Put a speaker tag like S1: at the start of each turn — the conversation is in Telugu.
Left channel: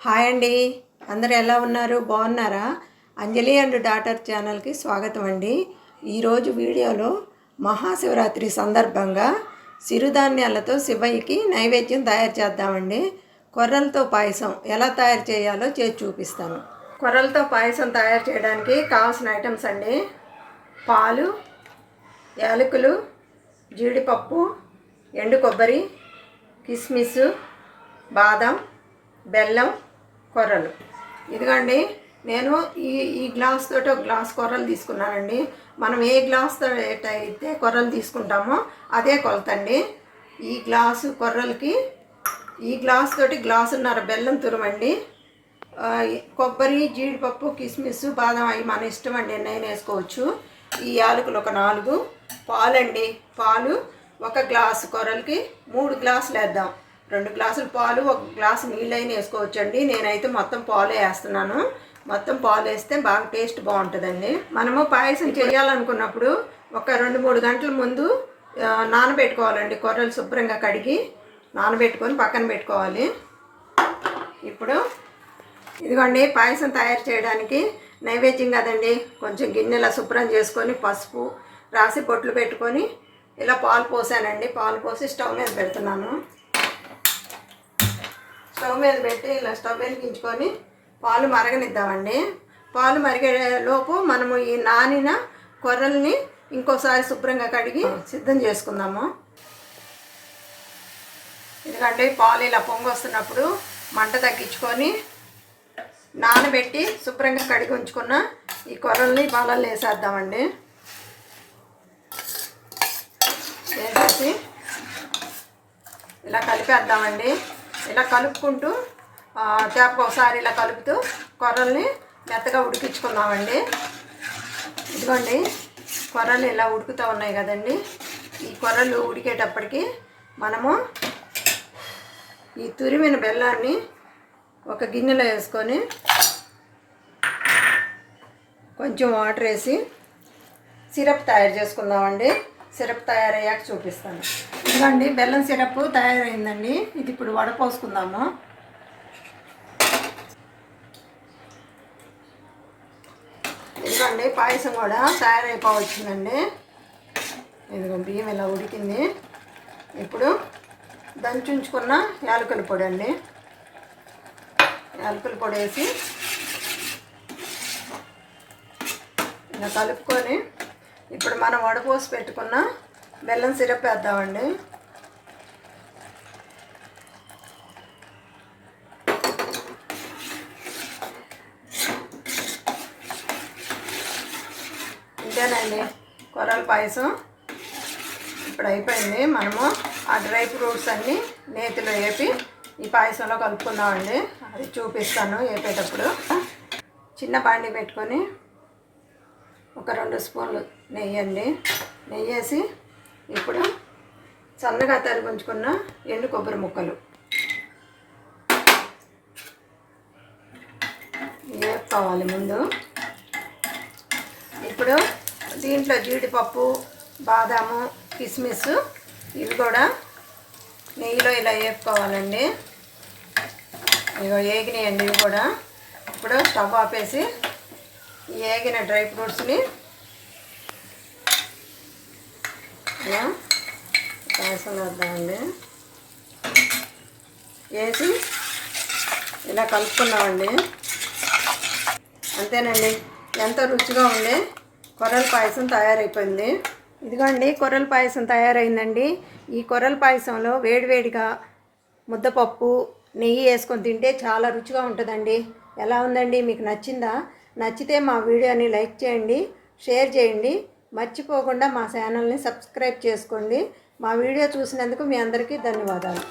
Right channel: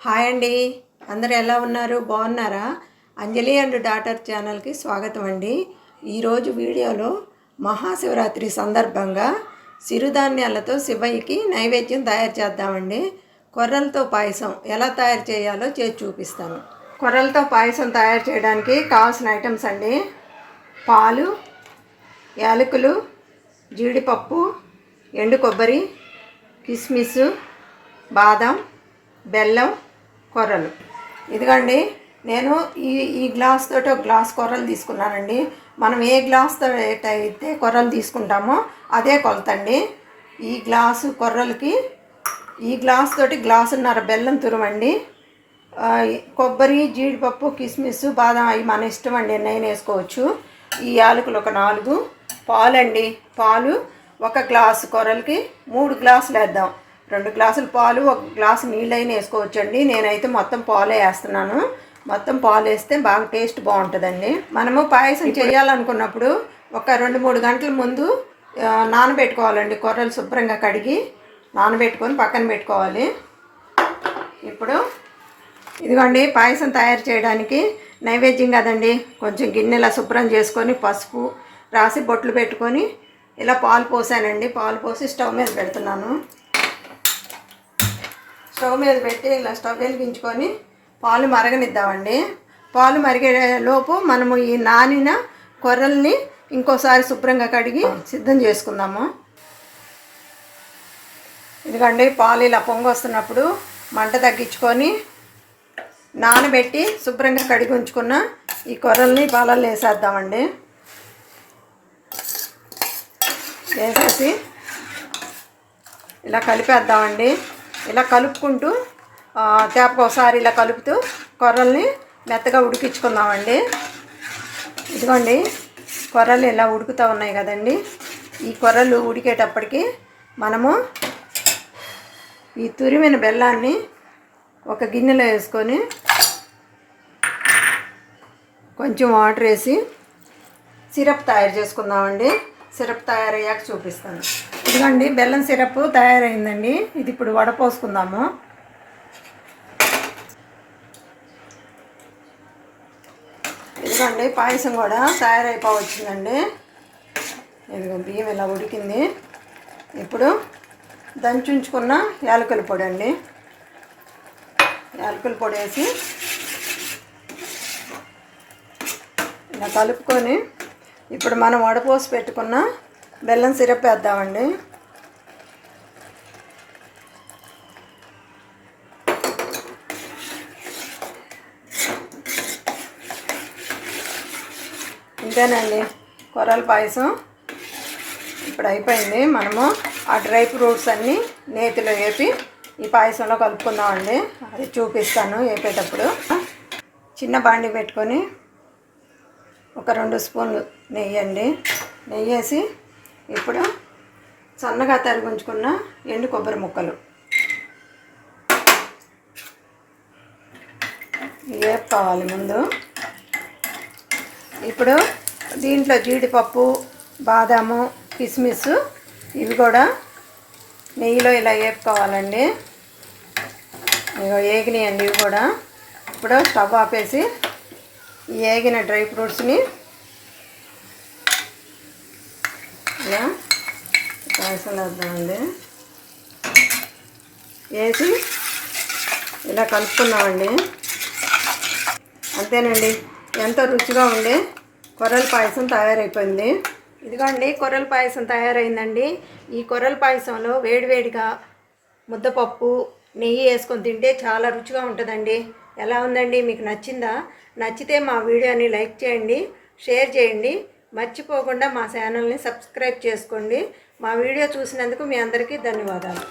S1: హాయ్ అండి. అందరు ఎలా ఉన్నారు? బాగున్నారా? అంజలి అండ్ డాటర్ ఛానల్కి స్వాగతం అండి. ఈరోజు వీడియోలో మహాశివరాత్రి సందర్భంగా సిరుధాన్యాలతో శివయ్యకి నైవేద్యం తయారు చేద్దామండి. కొర్రలతో పాయసం ఎలా తయారు చేయాలో చేసి చూపిస్తాను. కొర్రలతో పాయసం తయారు చేయడానికి కావాల్సిన ఐటమ్స్ అండి. పాలు యాలకులు జీడిపప్పు ఎండు కొబ్బరి కిస్మిస్ బాదం బెల్లం కొర్రలు. ఇదిగండి నేను ఈ ఈ గ్లాస్ తోటి ఒక గ్లాస్ కొర్రలు తీసుకున్నానండి. మనం ఏ గ్లాస్తో అయితే కొర్రలు తీసుకుంటామో అదే కొలతండి. ఈ గ్లాసు కొర్రలకి ఈ గ్లాస్ తోటి గ్లాసున్నర బెల్లం తురమండి. కొబ్బరి జీడిపప్పు కిస్మిస్ బాదం అవి మన ఇష్టం అండి నేను వేసుకోవచ్చు. ఈ యాలకులు ఒక నాలుగు. పాలండి పాలు ఒక గ్లాసు కొర్రలకి మూడు గ్లాసులు వేద్దాం. రెండు గ్లాసులు పాలు ఒక గ్లాసు నీళ్ళైనా వేసుకోవచ్చండి. నేనైతే మొత్తం పాలే వేస్తున్నాను. మొత్తం పాలు వేస్తే బాగా టేస్ట్ బాగుంటుందండి. మనము పాయసం చేయాలనుకున్నప్పుడు ఒక రెండు మూడు గంటల ముందు నానబెట్టుకోవాలండి. కొర్రలు శుభ్రంగా కడిగి నానబెట్టుకొని పక్కన పెట్టుకోవాలి. ఇప్పుడు ఇదిగోండి పాయసం తయారు చేయడానికి నైవేద్యం కదండి. కొంచెం గిన్నెలా శుభ్రం చేసుకొని పసుపు రాసి బొట్లు పెట్టుకొని ఇలా పాలు పోసానండి. పాలు పోసి స్టవ్ మీద పెడుతున్నాను. స్టవ్ మీద పెట్టి ఇలా స్టవ్ వెలిగించుకొని పాలు మరగనిద్దామండి. పాలు మరిగే లోపు మనము ఈ నానిన కొర్రల్ని ఇంకోసారి శుభ్రంగా కడిగి సిద్ధం చేసుకుందాము. ఎందుకండి పాలు ఇలా పొంగొస్తున్నప్పుడు మంట తగ్గించుకొని నానబెట్టి శుభ్రంగా కడిగి ఉంచుకున్న ఈ కొర్రల్ని పాలల్లో వేసేద్దామండి. వేసేసి ఇలా కలిపేద్దామండి. ఇలా కలుపుకుంటూ ఆ, తేపకు ఒకసారి ఇలా కలుపుతూ కొర్రల్ని మెత్తగా ఉడికించుకుందామండి. ఇదిగోండి కొర్రలు ఇలా ఉడుకుతూ ఉన్నాయి కదండి. ఈ కొర్రలు ఉడికేటప్పటికి మనము ఈ తురిమిన బెల్లాన్ని ఒక గిన్నెలో వేసుకొని కొంచెం వాటర్ వేసి సిరప్ తయారు చేసుకుందామండి. సిరప్ తయారయ్యాక చూపిస్తాను. ఇదిగోండి బెల్లం సిరప్ తయారైందండి. ఇది ఇప్పుడు వడపోసుకుందాము ఇదిగోండి పాయసం కూడా తయారైపోవచ్చిందండి. ఇదిగో బియ్యం ఇలా ఉడికింది. ఇప్పుడు దంచుంచుకున్న యాలకుల పొడి అండి. యాలకుల పొడి వేసి ఇలా కలుపుకొని ఇప్పుడు మనం వడపోసి పెట్టుకున్న బెల్లం సిరప్ వేద్దామండి. ఇంతేనండి కొరల పాయసం. ఇప్పుడు అయిపోయింది. మనము ఆ డ్రై ఫ్రూట్స్ అన్నీ నేతిలో వేపి ఈ పాయసంలో కలుపుకుందామండి. అది చూపిస్తాను వేపేటప్పుడు. చిన్న బాండి పెట్టుకొని ఒక రెండు స్పూన్లు నెయ్యి అండి. నెయ్యి వేసి ఇప్పుడు సన్నగా తరిగించుకున్న ఎండు కొబ్బరి ముక్కలు. వేపుకోవాలి ముందు? ఇప్పుడు దీంట్లో జీడిపప్పు బాదాము కిస్మిస్ ఇవి కూడా నెయ్యిలో ఇలా వేపుకోవాలండి. ఇగో ఏగినాయండి ఇవి కూడా. ఇప్పుడు స్టవ్ ఆపేసి ఏగిన డ్రై ఫ్రూట్స్ని ఇలా పాయసం వేద్దామండి వేసి ఇలా కలుపుకున్నామండి. అంతేనండి. ఎంత రుచిగా ఉండే కొర్రల పాయసం తయారైపోయింది. ఇదిగోండి కొర్రల పాయసం తయారైందండి. ఈ కొర్రల పాయసంలో వేడివేడిగా ముద్దపప్పు నెయ్యి వేసుకొని తింటే చాలా రుచిగా ఉంటుందండి. ఎలా ఉందండి? మీకు నచ్చిందా? నచ్చితే మా వీడియోని లైక్ చేయండి షేర్ చేయండి. మర్చిపోకుండా మా ఛానల్ని సబ్స్క్రైబ్ చేసుకోండి. మా వీడియో చూసినందుకు మీ అందరికీ ధన్యవాదాలు.